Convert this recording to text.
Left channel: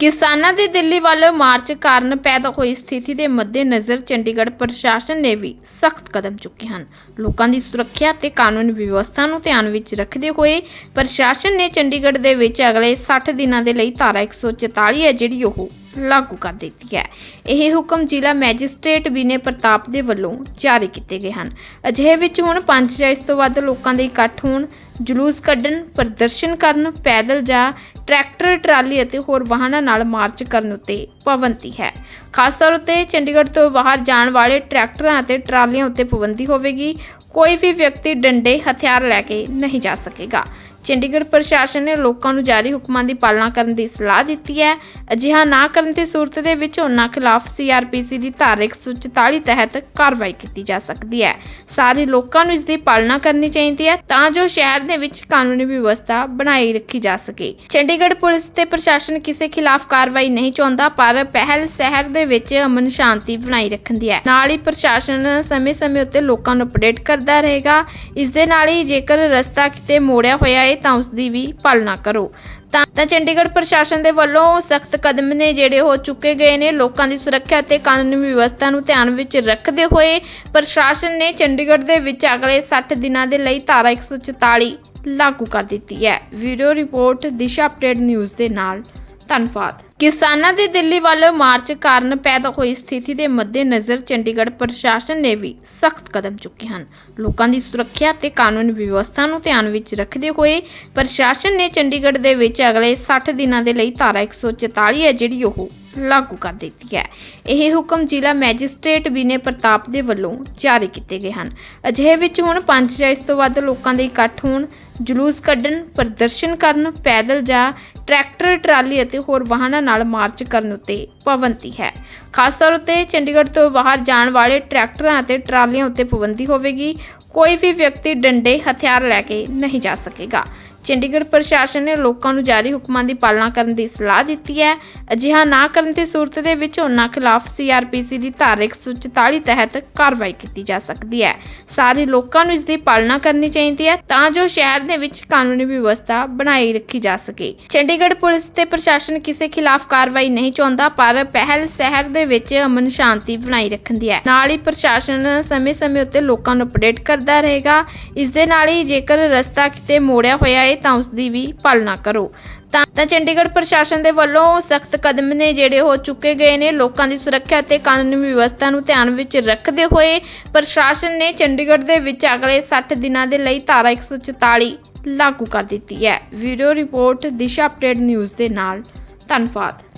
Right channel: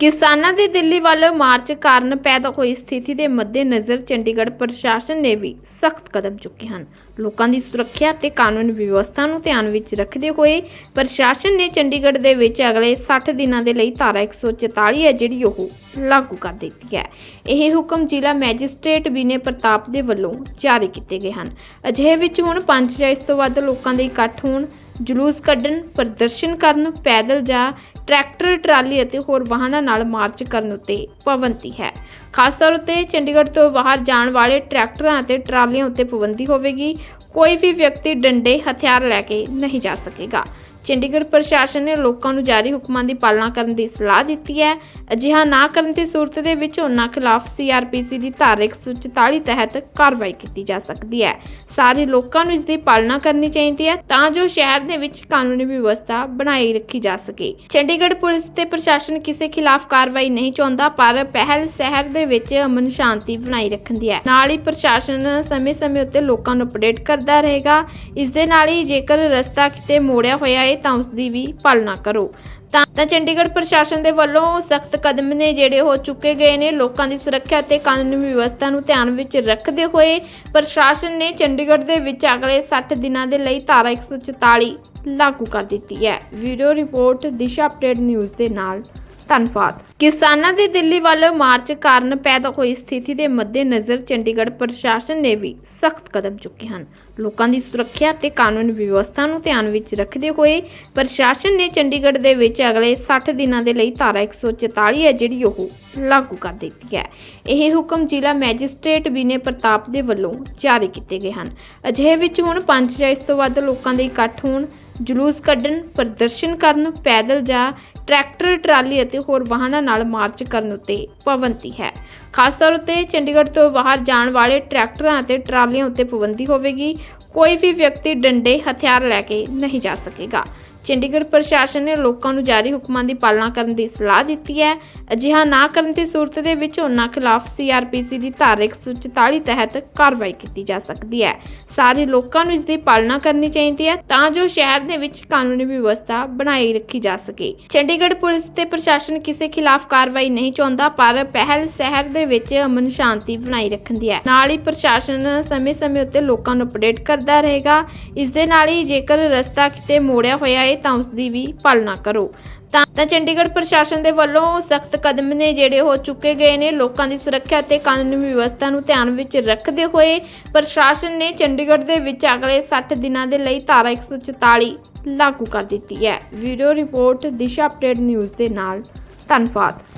ਕਿਸਾਨਾਂ ਦੀ ਦਿੱਲੀ ਵੱਲ ਮਾਰਚ ਕਾਰਨ ਪੈਦਾ ਹੋਈ ਸਥਿਤੀ ਦੇ ਮੱਦੇਨਜ਼ਰ ਚੰਡੀਗੜ੍ਹ ਪ੍ਰਸ਼ਾਸਨ ਨੇ ਵੀ ਸਖਤ ਕਦਮ ਚੁੱਕੇ ਹਨ। ਲੋਕਾਂ ਦੀ ਸੁਰੱਖਿਆ ਤੇ ਕਾਨੂੰਨ ਵਿਵਸਥਾ ਨੂੰ ਧਿਆਨ ਵਿੱਚ ਰੱਖਦੇ ਹੋਏ ਪ੍ਰਸ਼ਾਸਨ ਨੇ ਚੰਡੀਗੜ੍ਹ ਦੇ ਵਿੱਚ ਅਗਲੇ 60 ਦਿਨਾਂ ਦੇ ਲਈ ਧਾਰਾ 144 ਹੈ, ਜਿਹੜੀ ਉਹ ਲਾਗੂ ਕਰ ਦਿੱਤੀ ਹੈ। ਇਹ ਹੁਕਮ ਜ਼ਿਲ੍ਹਾ ਮੈਜਿਸਟ੍ਰੇਟ ਵਿਨੇ ਪ੍ਰਤਾਪ ਦੇ ਵੱਲੋਂ ਜਾਰੀ ਕੀਤੇ ਗਏ ਹਨ। ਅਜਿਹੇ ਵਿੱਚ ਹੁਣ ਪੰਜ ਜਾਂ ਇਸ ਤੋਂ ਵੱਧ ਲੋਕਾਂ ਦੇ ਇਕੱਠ ਹੋਣ, ਜਲੂਸ ਕੱਢਣ, ਪ੍ਰਦਰਸ਼ਨ ਕਰਨ, ਪੈਦਲ ਜਾਂ ਟਰੈਕਟਰ, ਟਰਾਲੀ ਅਤੇ ਹੋਰ ਵਾਹਨਾਂ ਨਾਲ ਮਾਰਚ ਕਰਨ ਉੱਤੇ ਪਾਬੰਦੀ ਹੈ। ਖਾਸ ਤੌਰ ਉੱਤੇ ਚੰਡੀਗੜ੍ਹ ਤੋਂ ਬਾਹਰ ਜਾਣ ਵਾਲੇ ਟਰੈਕਟਰਾਂ ਅਤੇ ਟਰਾਲੀਆਂ ਉੱਤੇ ਪਾਬੰਦੀ ਹੋਵੇਗੀ। ਕੋਈ ਵੀ ਵਿਅਕਤੀ ਡੰਡੇ, ਹਥਿਆਰ ਲੈ ਕੇ ਨਹੀਂ ਜਾ ਸਕੇਗਾ। ਚੰਡੀਗੜ੍ਹ ਪ੍ਰਸ਼ਾਸਨ ਨੇ ਲੋਕਾਂ ਨੂੰ ਜਾਰੀ ਹੁਕਮਾਂ ਦੀ ਪਾਲਣਾ ਕਰਨ ਦੀ ਸਲਾਹ ਦਿੱਤੀ ਹੈ। ਅਜਿਹਾ ਨਾ ਕਰਨ ਦੀ ਸੂਰਤ ਦੇ ਵਿੱਚ ਉਹਨਾਂ ਖਿਲਾਫ ਸੀਆਰਪੀਸੀ ਦੀ ਧਾਰਾ 144 ਤਹਿਤ ਕਾਰਵਾਈ ਕੀਤੀ ਜਾ ਸਕਦੀ ਹੈ। ਸਾਰੇ ਲੋਕਾਂ ਨੂੰ ਇਸ ਦੀ ਪਾਲਣਾ ਕਰਨੀ ਚਾਹੀਦੀ ਹੈ ਤਾਂ ਜੋ ਸ਼ਹਿਰ ਦੇ ਵਿੱਚ ਕਾਨੂੰਨੀ ਵਿਵਸਥਾ ਬਣਾਈ ਰੱਖੀ ਜਾ ਸਕੇ। ਚੰਡੀਗੜ੍ਹ ਪੁਲਿਸ ਤੇ ਪ੍ਰਸ਼ਾਸਨ ਕਿਸੇ ਖਿਲਾਫ ਕਾਰਵਾਈ ਨਹੀਂ ਚਾਹੁੰਦਾ, ਪਰ ਪਹਿਲ ਸ਼ਹਿਰ ਦੇ ਵਿੱਚ ਅਮਨ ਸ਼ਾਂਤੀ ਬਣਾਈ ਰੱਖਣ ਦੀ ਹੈ। ਨਾਲ ਹੀ ਪ੍ਰਸ਼ਾਸਨ ਸਮੇਂ-ਸਮੇਂ ਉੱਤੇ ਲੋਕਾਂ ਨੂੰ ਅਪਡੇਟ ਕਰਦਾ ਰਹੇਗਾ। ਇਸ ਦੇ ਨਾਲ ਹੀ ਜੇਕਰ ਰਸਤਾ ਕਿਤੇ ਮੋੜਿਆ ਹੋਇਆ ਹੈ ਤਾਂ ਉਸ ਦੀ ਵੀ ਪਾਲਣਾ ਕਰੋ। ਤਾਂ ਤਾਂ ਚੰਡੀਗੜ੍ਹ ਪ੍ਰਸ਼ਾਸਨ ਦੇ ਵੱਲੋਂ ਸਖਤ ਕਦਮ ਨੇ ਜਿਹੜੇ ਹੋ ਚੁੱਕੇ ਗਏ ਨੇ, ਲੋਕਾਂ ਦੀ ਸੁਰੱਖਿਆ ਤੇ ਕਾਨੂੰਨੀ ਵਿਵਸਥਾ ਨੂੰ ਧਿਆਨ ਵਿੱਚ ਰੱਖਦੇ ਹੋਏ ਪ੍ਰਸ਼ਾਸਨ ਨੇ ਚੰਡੀਗੜ੍ਹ ਦੇ ਵਿੱਚ ਅਗਲੇ 60 ਦਿਨਾਂ ਦੇ ਲਈ ਧਾਰਾ 144 ਲਾਗੂ ਕਰ ਦਿੱਤੀ ਹੈ। Video report Disha update news ਦੇ ਨਾਲ। ਧੰਨਵਾਦ। ਕਿਸਾਨਾਂ ਦੇ ਦਿੱਲੀ ਵੱਲ ਮਾਰਚ ਕਾਰਨ ਪੈਦਾ ਹੋਈ ਸਥਿਤੀ ਦੇ ਮੱਦੇਨਜ਼ਰ ਚੰਡੀਗੜ੍ਹ ਪ੍ਰਸ਼ਾਸਨ ਨੇ ਵੀ ਸਖਤ ਕਦਮ ਚੁੱਕੇ ਹਨ। ਲੋਕਾਂ ਦੀ ਸੁਰੱਖਿਆ ਤੇ ਕਾਨੂੰਨ ਵਿਵਸਥਾ ਨੂੰ ਧਿਆਨ ਵਿੱਚ ਰੱਖਦੇ ਹੋਏ ਪ੍ਰਸ਼ਾਸਨ ਨੇ ਚੰਡੀਗੜ੍ਹ ਦੇ ਵਿੱਚ ਅਗਲੇ 60 ਦਿਨਾਂ ਦੇ ਲਈ ਧਾਰਾ 144 ਹੈ, ਜਿਹੜੀ ਉਹ ਲਾਗੂ ਕਰ ਦਿੱਤੀ ਹੈ। ਇਹ ਹੁਕਮ ਜ਼ਿਲ੍ਹਾ ਮੈਜਿਸਟ੍ਰੇਟ ਵਿਨੇ ਪ੍ਰਤਾਪ ਦੇ ਵੱਲੋਂ ਜਾਰੀ ਕੀਤੇ ਗਏ ਹਨ। ਅਜਿਹੇ ਵਿੱਚ ਹੁਣ ਪੰਜ ਜਾਂ ਇਸ ਤੋਂ ਵੱਧ ਲੋਕਾਂ ਦੇ ਇਕੱਠ ਹੋਣ, ਜਲੂਸ ਕੱਢਣ, ਪ੍ਰਦਰਸ਼ਨ ਕਰਨ, ਪੈਦਲ ਜਾਂ ਟਰੈਕਟਰ, ਟਰਾਲੀ ਅਤੇ ਹੋਰ ਵਾਹਨਾਂ ਨਾਲ ਮਾਰਚ ਕਰਨ ਉੱਤੇ ਪਾਬੰਦੀ ਹੈ। ਖਾਸ ਤੌਰ ਉੱਤੇ ਚੰਡੀਗੜ੍ਹ ਤੋਂ ਬਾਹਰ ਜਾਣ ਵਾਲੇ ਟਰੈਕਟਰਾਂ ਅਤੇ ਟਰਾਲੀਆਂ ਉੱਤੇ ਪਾਬੰਦੀ ਹੋਵੇਗੀ। ਕੋਈ ਵੀ ਵਿਅਕਤੀ ਡੰਡੇ, ਹਥਿਆਰ ਲੈ ਕੇ ਨਹੀਂ ਜਾ ਸਕੇਗਾ। ਚੰਡੀਗੜ੍ਹ ਪ੍ਰਸ਼ਾਸਨ ਨੇ ਲੋਕਾਂ ਨੂੰ ਜਾਰੀ ਹੁਕਮਾਂ ਦੀ ਪਾਲਣਾ ਕਰਨ ਦੀ ਸਲਾਹ ਦਿੱਤੀ ਹੈ। ਅਜਿਹਾ ਨਾ ਕਰਨ ਦੀ ਸੂਰਤ ਦੇ ਵਿੱਚ ਉਹਨਾਂ ਖਿਲਾਫ ਸੀਆਰਪੀਸੀ ਦੀ ਧਾਰਾ 144 ਤਹਿਤ ਕਾਰਵਾਈ ਕੀਤੀ ਜਾ ਸਕਦੀ ਹੈ। ਸਾਰੇ ਲੋਕਾਂ ਨੂੰ ਇਸ ਦੀ ਪਾਲਣਾ ਕਰਨੀ ਚਾਹੀਦੀ ਹੈ ਤਾਂ ਜੋ ਸ਼ਹਿਰ ਦੇ ਵਿੱਚ ਕਾਨੂੰਨੀ ਵਿਵਸਥਾ ਬਣਾਈ ਰੱਖੀ ਜਾ ਸਕੇ। ਚੰਡੀਗੜ੍ਹ ਪੁਲਿਸ ਤੇ ਪ੍ਰਸ਼ਾਸਨ ਕਿਸੇ ਖਿਲਾਫ ਕਾਰਵਾਈ ਨਹੀਂ ਚਾਹੁੰਦਾ, ਪਰ ਪਹਿਲ ਸ਼ਹਿਰ ਦੇ ਵਿੱਚ ਅਮਨ ਸ਼ਾਂਤੀ ਬਣਾਈ ਰੱਖਣ ਦੀ ਹੈ। ਨਾਲ ਹੀ ਪ੍ਰਸ਼ਾਸਨ ਸਮੇਂ-ਸਮੇਂ ਉੱਤੇ ਲੋਕਾਂ ਨੂੰ ਅਪਡੇਟ ਕਰਦਾ ਰਹੇਗਾ। ਇਸ ਦੇ ਨਾਲ ਹੀ ਜੇਕਰ ਰਸਤਾ ਕਿਤੇ ਮੋੜਿਆ ਹੋਇਆ ਹੈ ਤਾਂ ਉਸ ਦੀ ਵੀ ਪਾਲਣਾ ਕਰੋ। ਤਾਂ ਤਾਂ ਚੰਡੀਗੜ੍ਹ ਪ੍ਰਸ਼ਾਸਨ ਦੇ ਵੱਲੋਂ ਸਖਤ ਕਦਮ ਨੇ ਜਿਹੜੇ ਹੋ ਚੁੱਕੇ ਗਏ ਨੇ, ਲੋਕਾਂ ਦੀ ਸੁਰੱਖਿਆ ਤੇ ਕਾਨੂੰਨੀ ਵਿਵਸਥਾ ਨੂੰ ਧਿਆਨ ਵਿੱਚ ਰੱਖਦੇ ਹੋਏ ਪ੍ਰਸ਼ਾਸਨ ਨੇ ਚੰਡੀਗੜ੍ਹ ਦੇ ਵਿੱਚ ਅਗਲੇ 60 ਦਿਨਾਂ ਦੇ ਲਈ ਧਾਰਾ 144 ਲਾਗੂ ਕਰ ਦਿੱਤੀ ਹੈ। Video report, Disha update news ਦੇ ਨਾਲ। ਧੰਨਵਾਦ।